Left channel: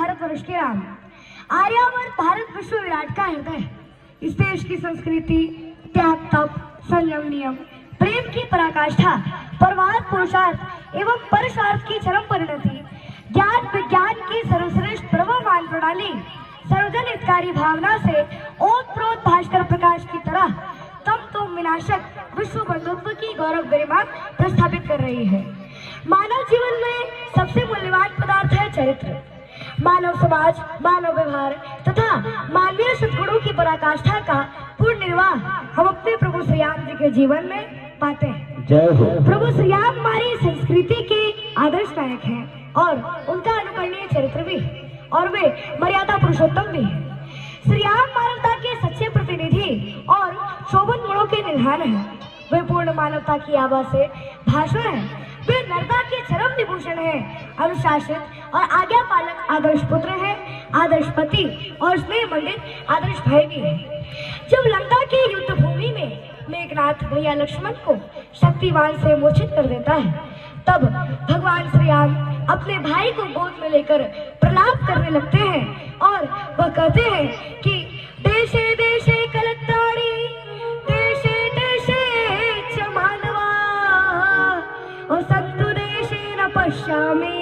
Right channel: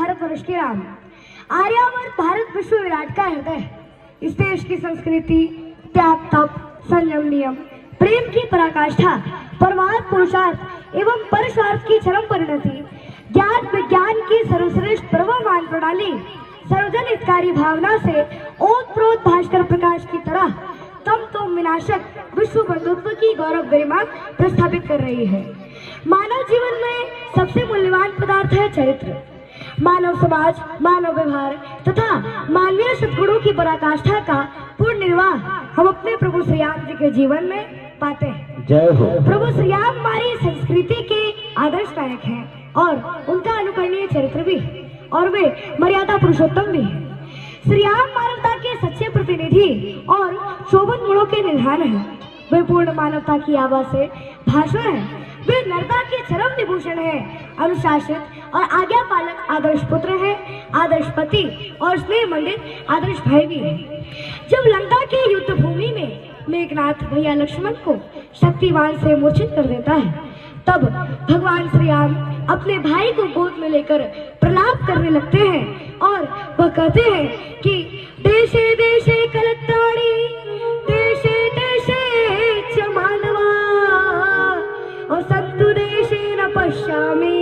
भारतवर्ष के राम। आर्यावर्त भारत विश्व विराट का हृदय। इस देश की संस्कृति त्याग, तप, संयम, नियम, प्रेम की पराकाष्ठा, परमार्थ, पुरुषार्थ एवं परस्वार्थ की चरम परिणति, ज्ञान विज्ञान की सर्वश्रेष्ठ प्रवाहमान प्रणाली, सर्वजन हितकारी भावना से ओतप्रोत भास्कर प्रकाश की तरह तम तुम विनाशक विश्व बंधुत्व की गौरव गरिमा प्रस्थापित कर रही है। मानव जीवन में सबसे मूल्यवान पदार्थ है चरित्र। मानव समाज, मानव व्यवहार तथा मानवीय सद्गुणों की पराकाष्ठा का पूर्ण निर्वाह हम अपने प्रभु श्री राम जी के जीवन में पाते हैं। जय हो। प्रभु श्री राम हमारी संस्कृति के आदर्श नायक हैं और उनका अनुकरणीय चरित्र भी, और वे मर्यादा पुरुषोत्तम भी हैं। श्री राम मानवता के सच्चे प्रतिनिधि और शोभन गुणों के निधान हैं। वे पूर्ण मानवता की आभा से भाषण है। वे नरता के चरम विभूषण है। अनुशासित और आज्ञा पालक आदर्श पुत्र है, आदर्श पति और स्नेह मंडित आदर्श भाई भी है। जब लंका के युद्ध भूमि में मेघनाथ भैया लक्ष्मण को शक्तिवान से मूर्छित कर देता है, तब भगवान श्री राम अपने भाई को गोद में लेकर प्रलाप करने लगते हैं और वह कहते हैं कि देशे देशे कलत्राणि, देशे देशे च मानवा, और सन्तु देशे न पश्यामि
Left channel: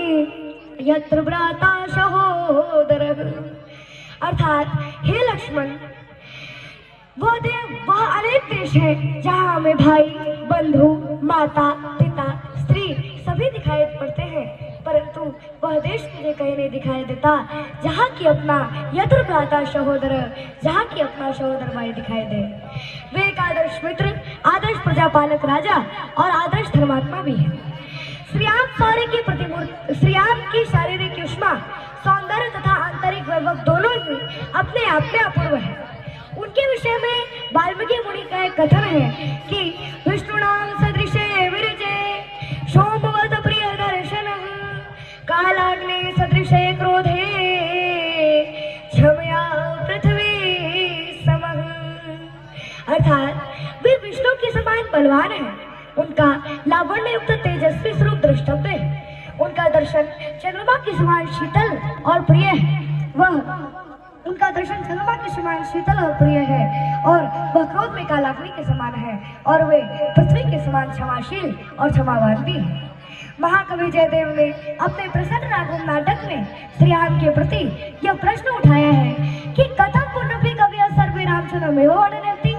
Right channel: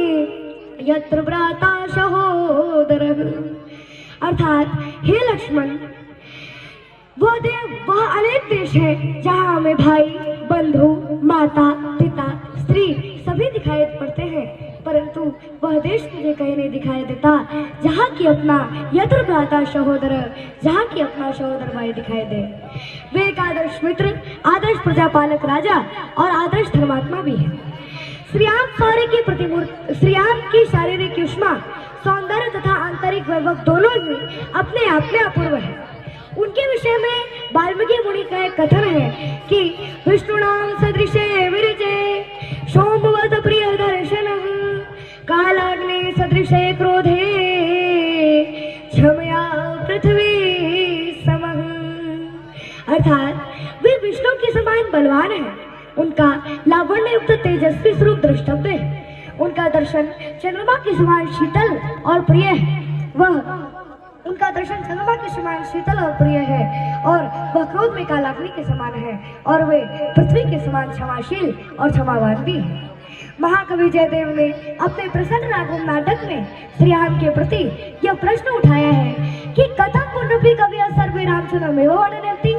यत्र भ्राता सहोदरः। अर्थात हे लक्ष्मण, वह अनेक देश है जहाँ हमें भाई, बंधु, माता, पिता, स्त्री सभी दिखाई पड़ते हैं, परंतु वह देश मुझे कहीं नहीं दिखाई देता जहाँ की अपना यत्र भ्राता सहोदर, जहाँ की अपना सहोदर भाई दिखाई दे। वे एक आदर्श मित्र, आदर्श प्रजापालक राजा और आदर्श धर्मात्मा भी है। श्री राम शौर्य की प्रतिमूर्ति, श्री राम की शारीरिक युष्मा, सौंदर्य तथा आंतरिक वैभव दोनों ही अपने आप में अपूर्व है। उनके विषय में वाल्मीकि मुनि का एक कथन है कि विष्णुनाम सदृशे विरजे शोभवत प्रिय दर्शनः, कालाग्ने सदृशे क्रोधे क्षमया पृथ्वी समः। अर्थात वे विष्णु के समान बलवान है। उनका लावण्य युक्त तेजस्वी स्वरूप द्रष्टव्य है। उनका दर्शन चंद्रमा के समान शीतल और प्रिय है। उनका दर्शन चंद्रमा के समान शीतल और प्रिय है, और वह क्रोध में कालाग्नि के समान है, और वे पृथ्वी के समान क्षमाशील और क्षमावान भी है। महाकवि जयदेव ने अपने प्रसन्न राघव नाटक में श्री राम के प्रति यह प्रश्न उठाया है कि कथम पुनरपि कवि सर्वे रामचंद्र में रहती,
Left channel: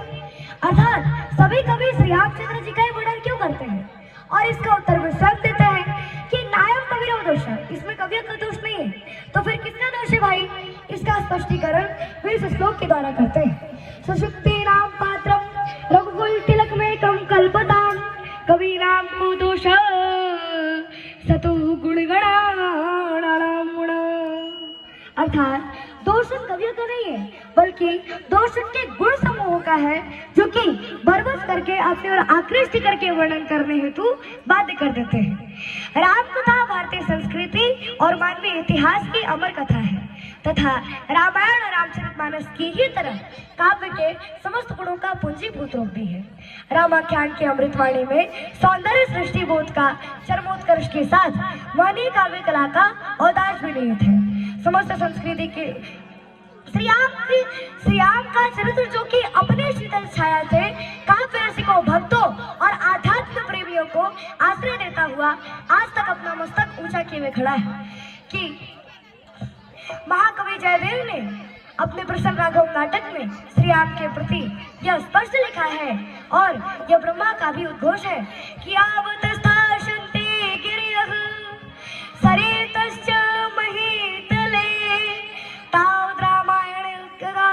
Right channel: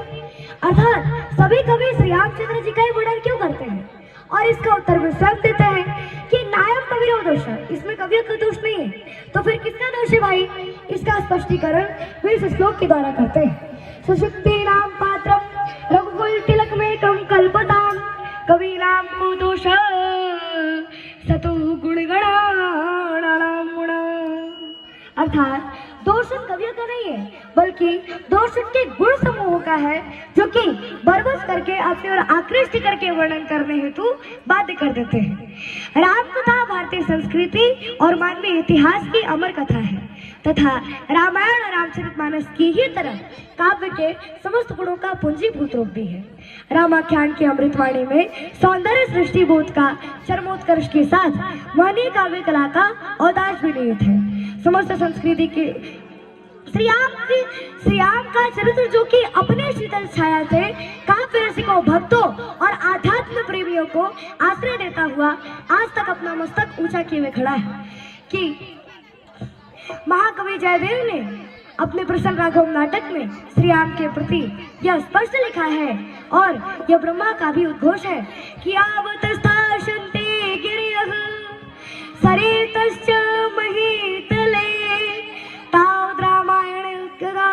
अर्थात सभी कवि श्री रामचंद्र जी का ही वर्णन क्यों करते हैं? और इसका उत्तर भी स्वयं देते हैं कि नायम कवि दोष है, इसमें कवियों का दोष नहीं है, तो फिर किसका दोष है भाई? इसका स्पष्टीकरण भी इस श्लोक के द्वारा करते हैं। सुषुप्ति नाम पात्रम रघुकुल तिलक में कम कल्पताम, कवि नाम को दोष सतु गुणगणानाम गुण। अर्थात दोष कवियों का नहीं है, बल्कि दोष के गुण समूह का है, जो कि बरबस करके अपने और आकृष्ट करके वर्णन करने हेतु बाध्य कर देते हैं। राम कथा भारतीय संस्कृति और मानवीय इतिहास की अमर कथा है तथा रामायण और रामचरितमानस की ही तरह काव्य के समस्त गुणों का पूंजीभूत रूप भी है। रामाख्यान की अमृतवाणी में सौंदर्य सृष्टिभूत का चरमोत्कर्ष के साथ मानवीय काव्य कला का औदार्य भी निहित है। समस्त संस्कृति की श्री राम का चरित्र, जो कि अपने शीतल छाया से काव्य रसिकों, भक्तों और आध्यात्म प्रेमियों को आश्रय देता हुआ आज तक अपना मस्तक ऊंचा किए खड़ा है, कि महाकवि जयदेव ने अपने प्रसन्न राघव नाटक में श्री राम के प्रति यह स्पष्ट लिखा है, और यह ब्रह्मा का भी उद्घोष है कि आवतस्ताशन्ते गिरयः सरेतश्च महीतले तावद् रामायण कदा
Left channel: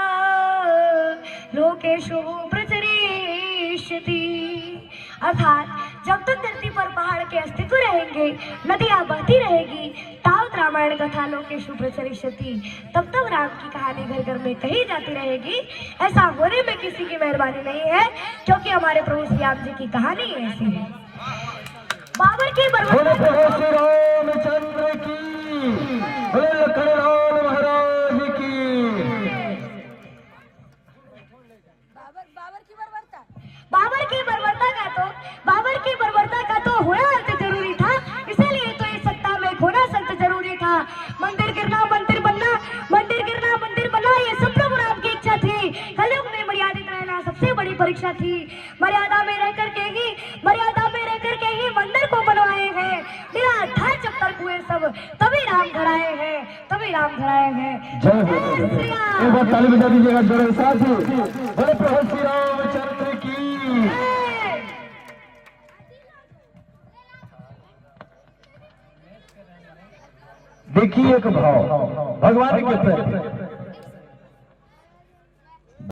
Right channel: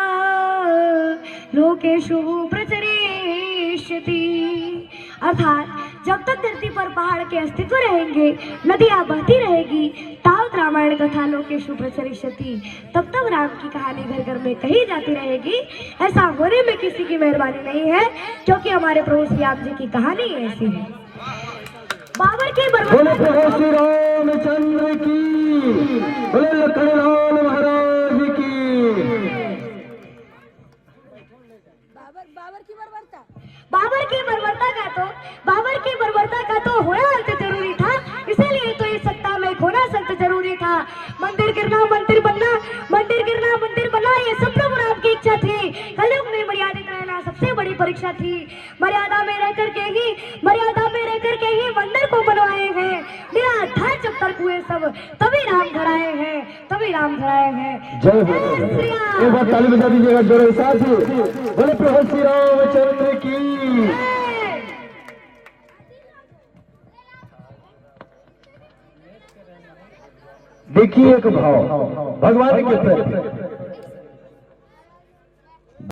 लोकेषु प्रचरिष्यति। अर्थात जब तक धरती पर पहाड़ के अस्तित्व रहेंगे, नदियां बहती रहेगी, तावत रामायण कथा लोकेषु प्रचरिष्यति, तब तक राम की कहानी घर घर में कही जाती रहेगी। ऐसा होने में किसी की मेहरबानी नहीं है, क्योंकि हमारे प्रभु श्री राम जी की कहानी ऐसी है। बाबर की रामचंद्र की, लखनलाल महाराज की। बाबर की बर्बरता का तो होना अंत जरूरी था, इसीलिए तो इस सत्ता में खोना सख्त जरूरी था। मंदिर गिरना मंदिर बनना सब तभी राम धराए हैं, तभी राम धराए हैं। जय हो एक बार ताली बजा दीजिएगा जोरे साथ बोले प्रभु श्री रामचंद्र की। देखिए एक भाव भगवान के प्रति